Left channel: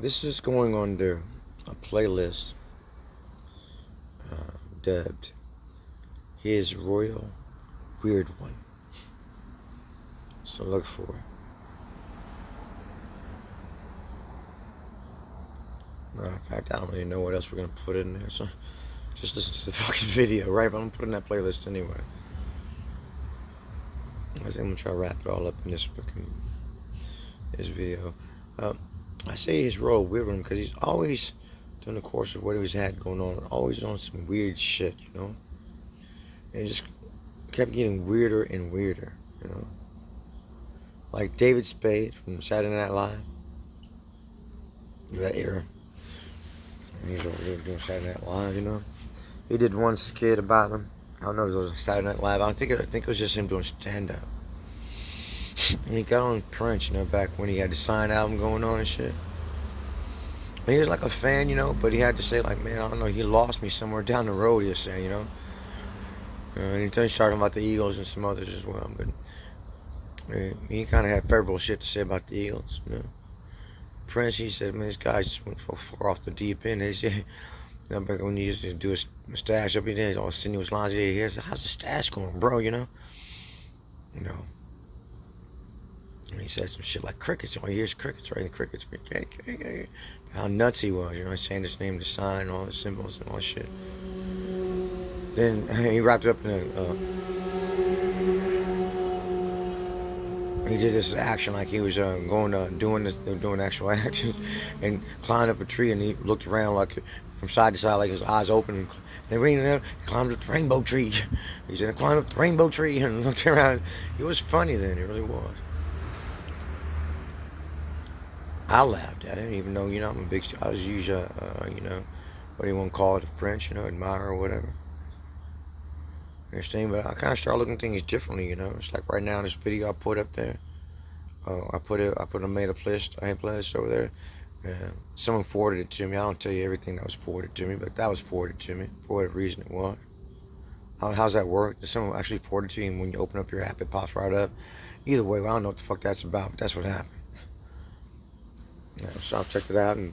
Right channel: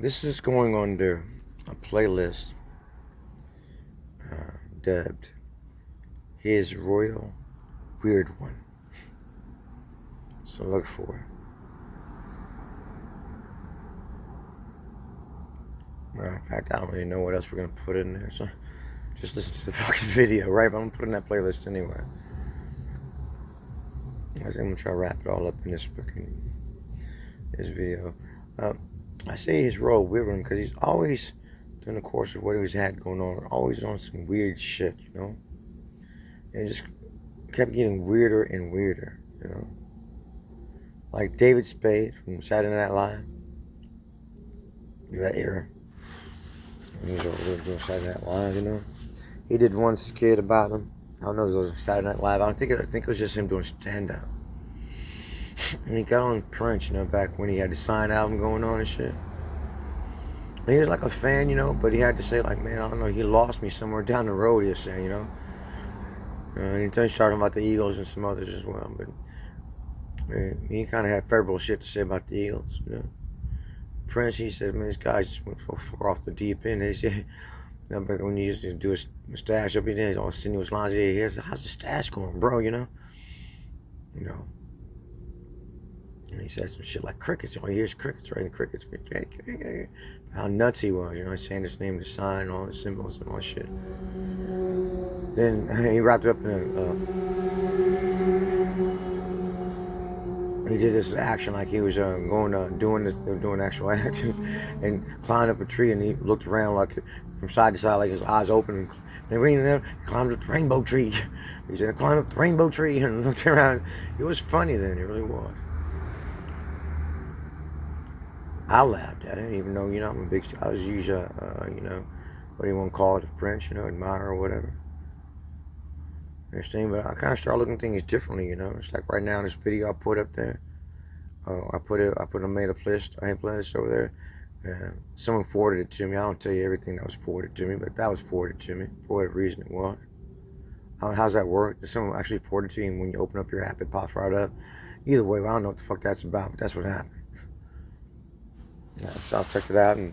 This is going under a playlist dubbed His Royal Weird One. So look for it. Matter of fact, I don't really know what else we're gonna put in there, so just listen to the fucking video, right? But I'm gonna put in that playlist anyway. I'm gonna try to wrap it all up in this video. I say his role weird one because he's always, during the course of what he's had going on, always on some weird shit, you know? And it just kept getting weirder and weirder, you know? Like David Spade from Saturday Night Live, that era. And he's over there doing Saturday Night Live, you know? He did one skit about him. I don't know if it was Saturday Night Live. I think it was just him doing stand-up. And he got on Prince, you know, back when he had the Sign album going on and shit. And he was like a fan, you know, but he had to say, like, man, I don't know, he lost me somewhere down the road, he was saying, you know. And he started talking about the Eagles and some others as well. But he kind of had favorable shit to say about the Eagles, you know. Prince, he said, man, this guy just went so far off the deep end. He said, when you used to do a stash up there, all sinuous lines, yeah, how's the stash going, bro, you know? You know. And he said some shit like crickets. Oh, here's crickets, right? And crickets. How nuts he was, you know, saying his name, the sign, all the symbols and all that shit. Then he wrapped it up in he did this action like he was doing actual action, and climbed up a tree, and he looked around like from side to side, like his eyes open, and he climbed up the rainbow tree. He said, "Climbed up the rainbow tree," and looked around. It was funny then, it really was. I laughed at it, even though, you know, I was usually, you know, what do you want to call it, a French, you know, admirer or whatever. You understand? But I kind of started looking at things differently, you know. It's like right now, this video I put up there, I made a playlist over there. Someone forwarded it to me. I don't tell you everything that was forwarded to me, but that was forwarded to me for whatever reason it was. How's that work? Does someone actually forward it to you, and when you open up your app, it pops right up? Either way, well, I don't know what the fuck that's about, but that's what happened. So I checked it out, and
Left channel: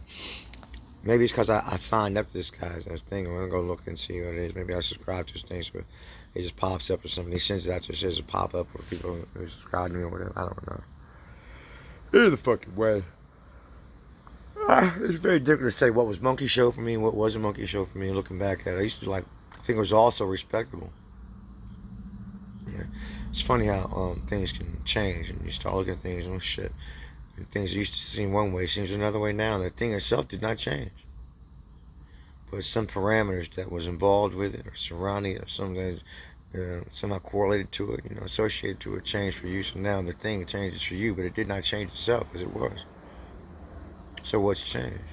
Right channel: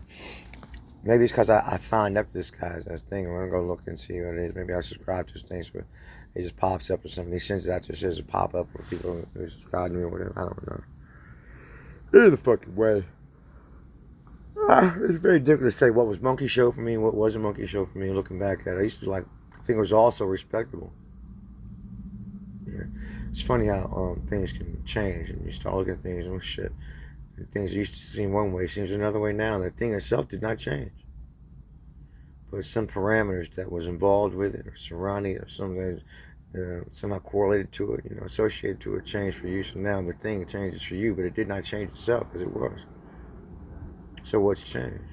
maybe it's because I signed up to this guy's thing. I'm gonna go look and see what it is. Maybe I subscribe to his things, but it just pops up or something. He sends it out to us as a pop up for people who subscribe to me or whatever. I don't know. Either the fucking way. It's very difficult to say what was Monkey Show for me and what wasn't Monkey Show for me. Looking back at it, I used to think it was also respectable. Yeah, it's funny how things can change, and you start looking at things and shit. Things used to seem one way seems another way now, and the thing itself did not change. But some parameters that was involved with it, or surrounding it, or something that somehow correlated to it, you know, associated to it, changed for you. So now the thing changes for you, but it did not change itself as it was. So what's changed?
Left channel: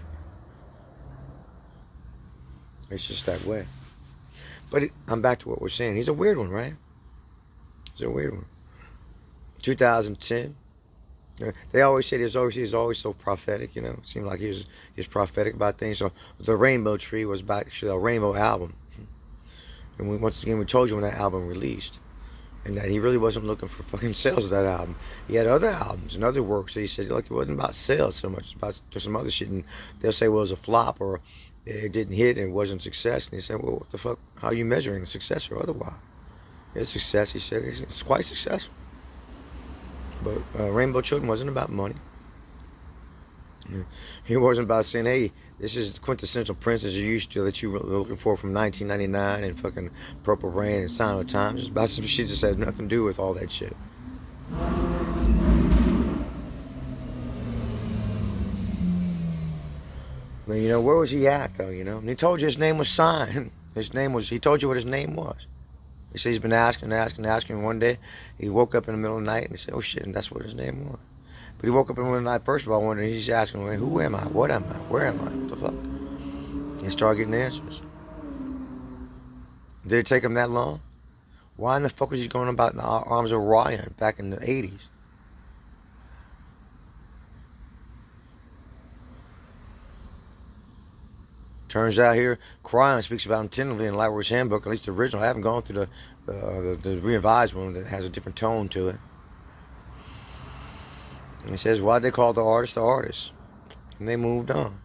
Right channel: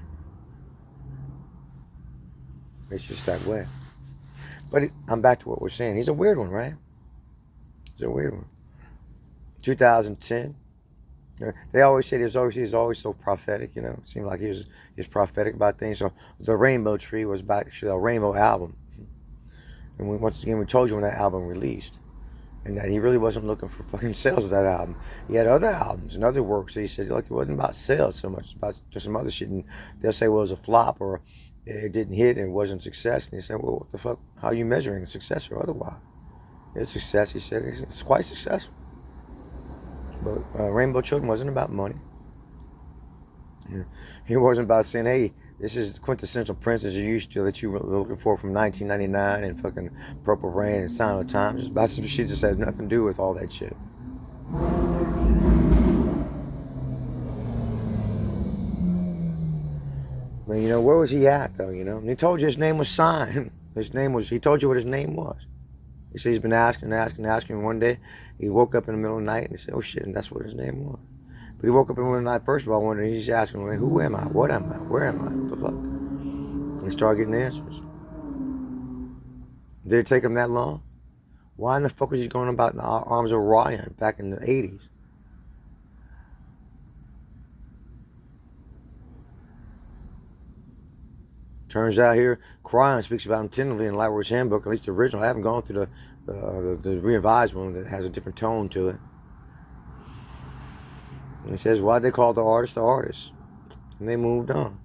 It's just that way. But I'm back to what we're saying. He's a weird one, right? He's a weird one. 2010. They always say he's always so prophetic, you know. It seemed like he was prophetic about things. So the Rainbow Tree was about actually a Rainbow album. And once again, we told you when that album released. And that he really wasn't looking for fucking sales of that album. He had other albums and other works that he said, like, it wasn't about sales so much, it's about some other shit. And they'll say, well, it was a flop, or it didn't hit and it wasn't a success. And he said, well, what the fuck? How are you measuring success or otherwise? It's success, he said. It's quite successful. But Rainbow Children wasn't about money. He wasn't about saying, hey, this is the quintessential Prince as you used to that you were looking for from 1999 and fucking Purple Rain and Sign of the Times. It's about some shit that had nothing to do with all that shit. But, you know, where was he at, though, you know? And he told you his name was Sign. He told you what his name was. He said he's been asking. One day, he woke up in the middle of the night and he said, oh shit, and that's what his name was. But he woke up in the middle of the night, first of all, wondering, he's asking, who am I? What am I? Where am I? What the fuck? And he started getting answers. Did it take him that long? Why in the fuck was he going about in the arms of Orion back in the 80s? Turns out here, Cryon speaks about him tentatively in Lightwork's Handbook, at least the original. I haven't gone through the revised one that has a different tone to it. And he says, why did they call the artist the artist? And they moved on.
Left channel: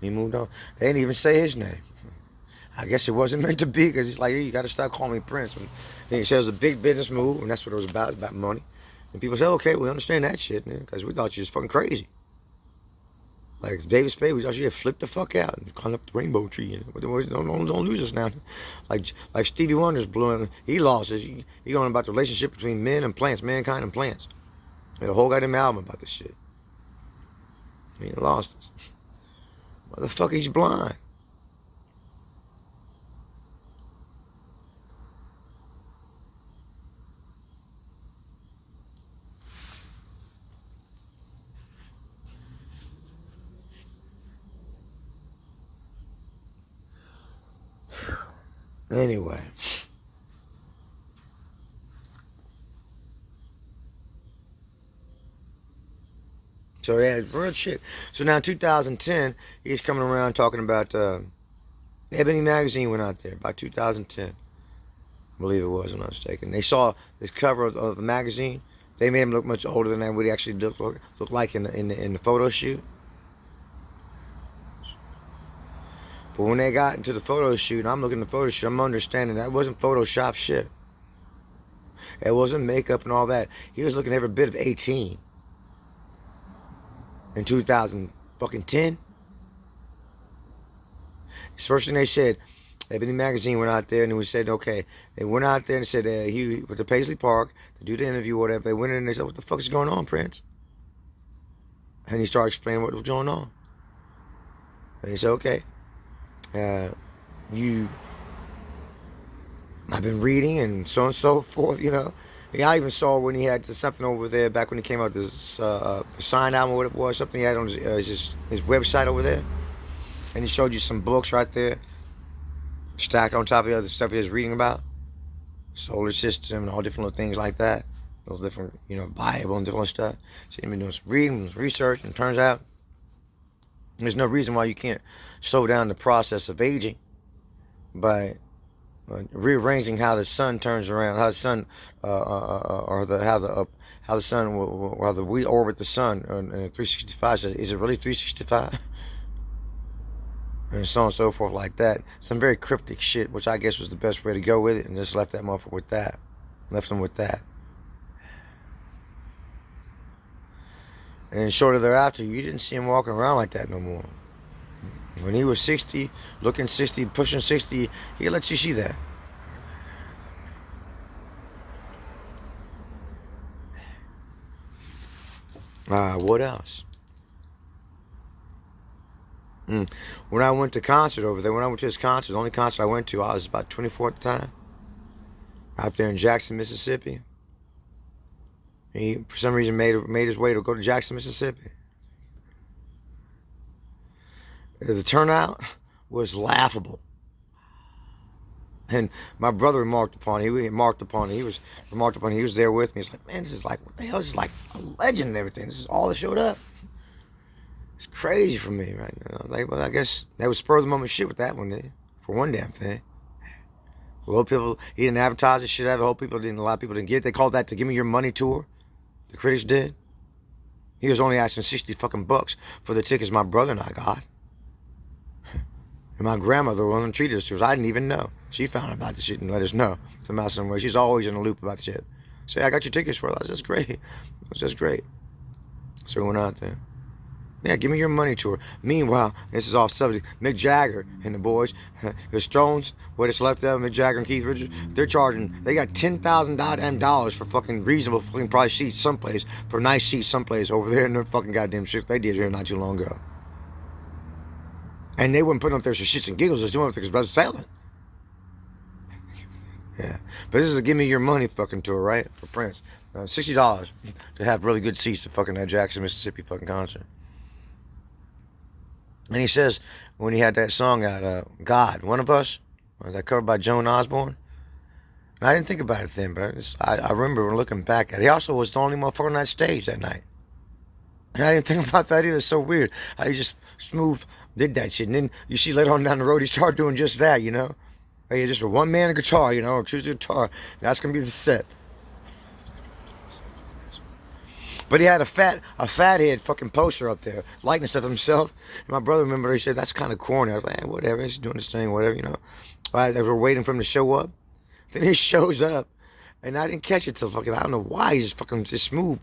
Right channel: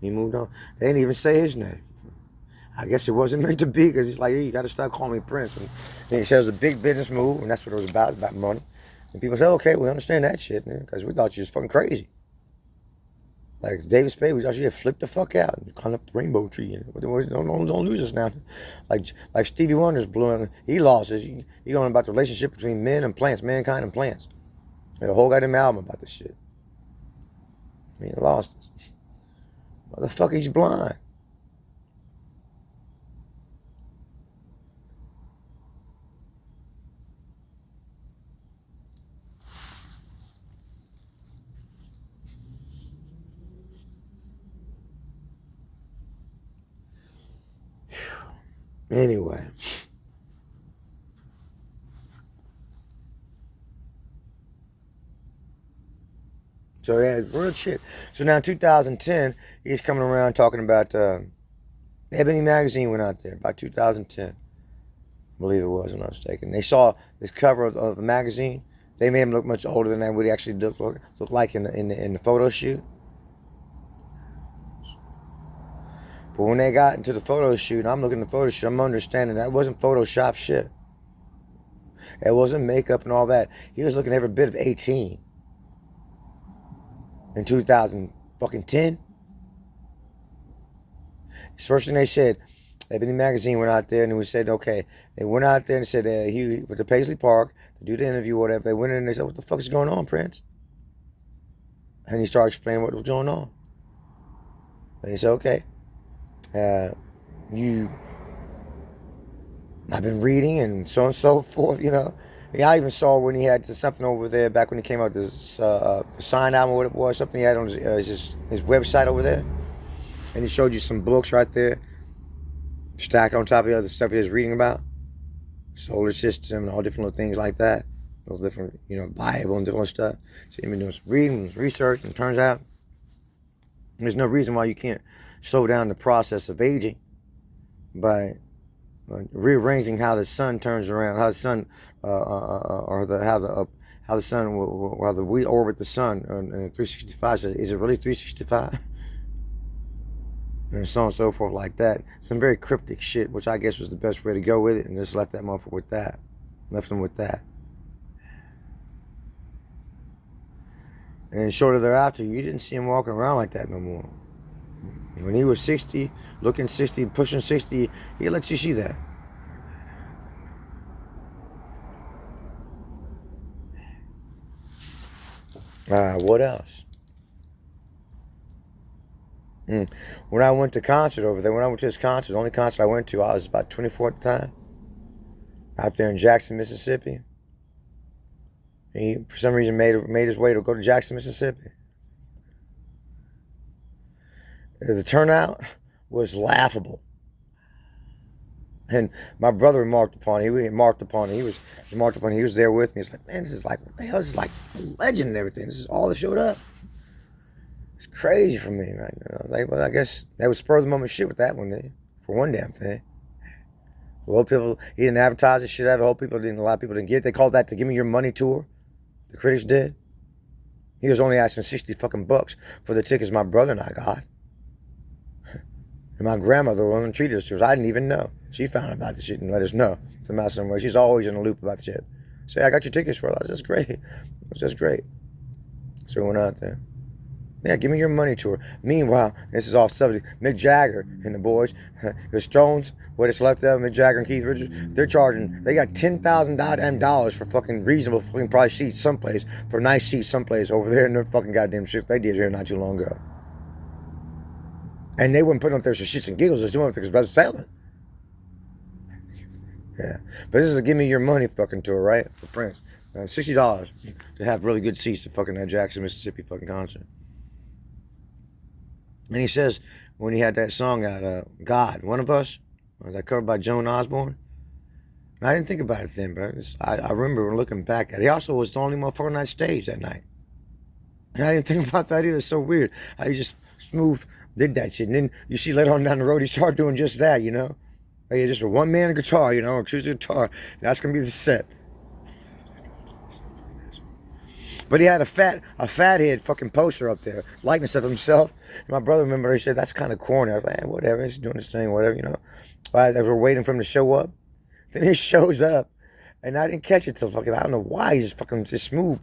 He moved on. They didn't even say his name. I guess it wasn't meant to be because he's like, hey, you got to start calling me Prince. And he said it was a big business move, and that's what it was about money. And people say, okay, we understand that shit, man, because we thought you was fucking crazy. Like David Spade, we thought you had flipped the fuck out and climbed up the rainbow tree. And don't lose us now. Like Stevie Wonder's blew in. He lost his. He going about the relationship between men and plants, mankind and plants. He had a whole goddamn album about this shit. He lost us. Motherfucker, he's blind. Anyway. So yeah, real shit. So now 2010, he's coming around talking about Ebony magazine went out there by 2010. I believe it was, I'm not mistaken. They saw this cover of the magazine. They made him look much older than what he actually looked like in the photo shoot. But when they got into the photo shoot, I'm looking at the photo shoot, I'm understanding that wasn't Photoshop shit. It wasn't makeup and all that. He was looking every bit of 18. In 2010. The first thing they said, Ebony magazine went out there and we said, okay, they went out there and said he went to Paisley Park to do the interview or whatever. They went in and they said, what the fuck is going on, Prince? And he started explaining what was going on. And he said, okay, I've been reading and so forth, you know. Yeah, I even saw when he had something over there back when he came out, this the sign album or what it was, something he had on his website over there. And he showed you some books right there, stacked on top of the other stuff he was reading about. Solar system and all different little things like that. Those different, Bible and different stuff. So he'd been doing some reading, some research, and it turns out there's no reason why you can't slow down the process of aging by rearranging how the sun turns around, how the sun, we orbit the sun in 365. So is it really 365? And so on and so forth like that. Some very cryptic shit, which I guess was the best way to go with it, and just left that motherfucker with that. Left him with that. And shortly thereafter, you didn't see him walking around like that no more. When he was 60, looking 60, pushing 60, he lets you see that. What else? When I went to concert over there, when I went to this concert, the only concert I went to, I was about 24 at the time. Out there in Jackson, Mississippi. He, for some reason, made his way to go to Jackson, Mississippi. The turnout was laughable. And my brother remarked upon it. He was there with me. He's like, man, this is like, what the hell? This is like a legend and everything. This is all that showed up. It's crazy for me, right? Well, I guess that was spur of the moment shit with that one, then, for one damn thing. A lot of people, he didn't advertise this shit. A lot of people didn't get it. They called that the Give Me Your Money tour. The critics did. He was only asking $60 for the tickets my brother and I got. And my grandmother was on treated us to us. I didn't even know. She found out about the shit and let us know somehow, some way. She's always in the loop about the shit. Say, I got your tickets for it. I said, that's great. That's great. So we went out there. Yeah, Give Me Your Money tour. Meanwhile, this is off subject. Mick Jagger and the boys, the Stones, what it's left of Mick Jagger and Keith Richards, they got $10,000 for fucking reasonable fucking price seats someplace, for nice seats someplace over there in their fucking goddamn shit they did here not too long ago. And they wouldn't put them up there for shits and giggles, just doing it because it was selling. Yeah. But this is a Give Me Your Money fucking tour, right? For Prince. $60 to have really good seats to fucking that Jackson, Mississippi fucking concert. And he says, when he had that song out, God, One of Us, that covered by Joan Osborne. And I didn't think about it then, but I remember looking back at it. He also was the only motherfucker on that stage that night. And I didn't think about that either. It's so weird how he just smooth did that shit. And then you see later on down the road, he started doing just that, Hey, just a one-man guitar, acoustic guitar. That's going to be the set. But he had a fathead fucking poster up there, likeness of himself. My brother, remember, he said, that's kind of corny. I was like, whatever, he's doing his thing, whatever, you know. As we were waiting for him to show up, then he shows up, and I didn't catch it till fucking, I don't know why, he just fucking just smooth.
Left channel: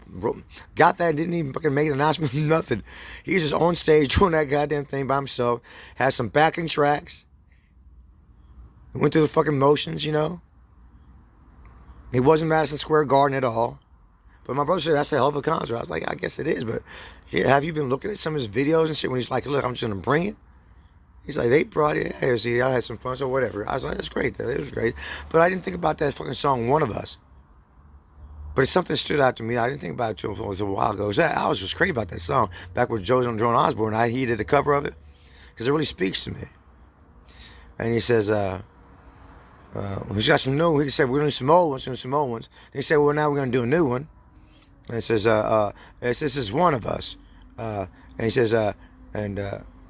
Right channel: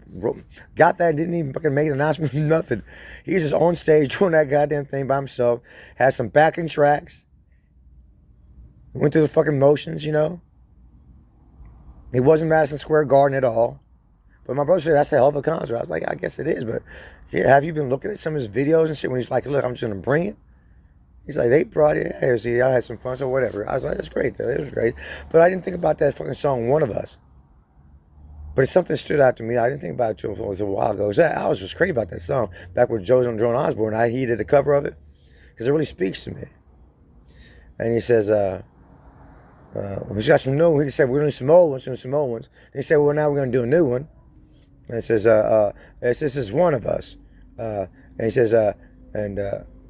Got that, didn't even fucking make an announcement, nothing. He was just on stage doing that goddamn thing by himself, had some backing tracks, went through the fucking motions, you know. He wasn't Madison Square Garden at all. But my brother said, that's a hell of a concert. I was like, I guess it is, but yeah, have you been looking at some of his videos and shit when he's like, look, I'm just going to bring it? He's like, they brought it. Hey, see, I had some fun, so whatever. I was like, that's great, though. It was great. But I didn't think about that fucking song, One of Us. But it's something that stood out to me. I didn't think about it until it was a while ago. I was just crazy about that song. Back with Joan Osborne, he did a cover of it because it really speaks to me. And he says, he's got some new. He said, we're doing some old ones. He said, well, now we're going to do a new one. And it says, this is one of us. And he says, have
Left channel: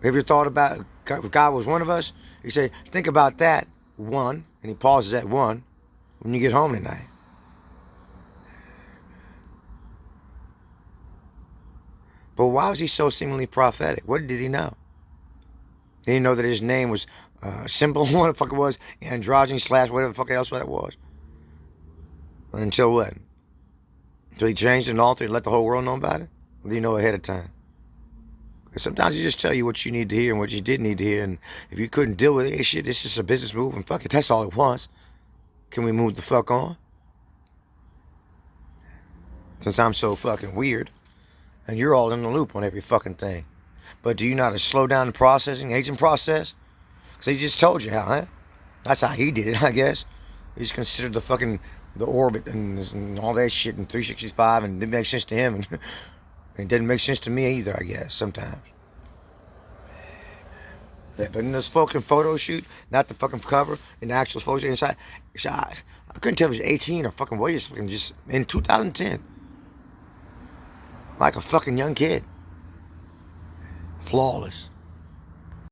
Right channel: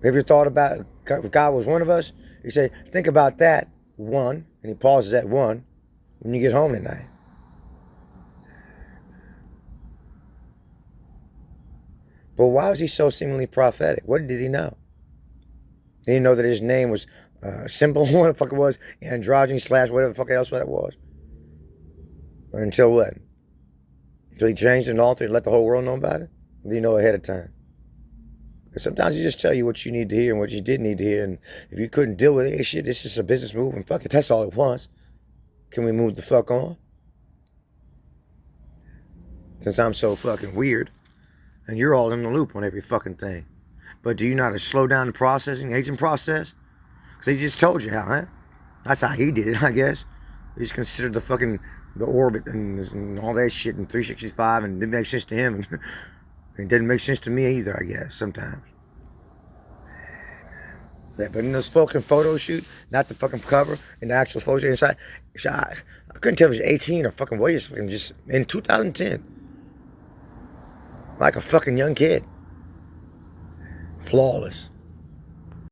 you thought about if God was one of us? He said, think about that one. And he pauses at one when you get home tonight. But why was he so seemingly prophetic? What did he know? Did he know that his name was simple, what the fuck it was, androgyny / whatever the fuck else that was? Until what? Until he changed and altered and let the whole world know about it? Or do you know ahead of time? Sometimes he just tell you what you need to hear and what you didn't need to hear. And if you couldn't deal with it, hey, shit, it's just a business move and fuck it, that's all it wants. Can we move the fuck on? Since I'm so fucking weird and you're all in the loop on every fucking thing. But do you know how to slow down the processing, aging process? Because he just told you how, huh? That's how he did it, I guess. He's considered the orbit and all that shit in 365, and it didn't make sense to him, and it didn't make sense to me either, I guess, sometimes. Yeah, but in this fucking photo shoot, not the fucking cover, and the actual photo inside, I couldn't tell if it was 18 or fucking what, he was fucking just in 2010. Like a fucking young kid. Flawless.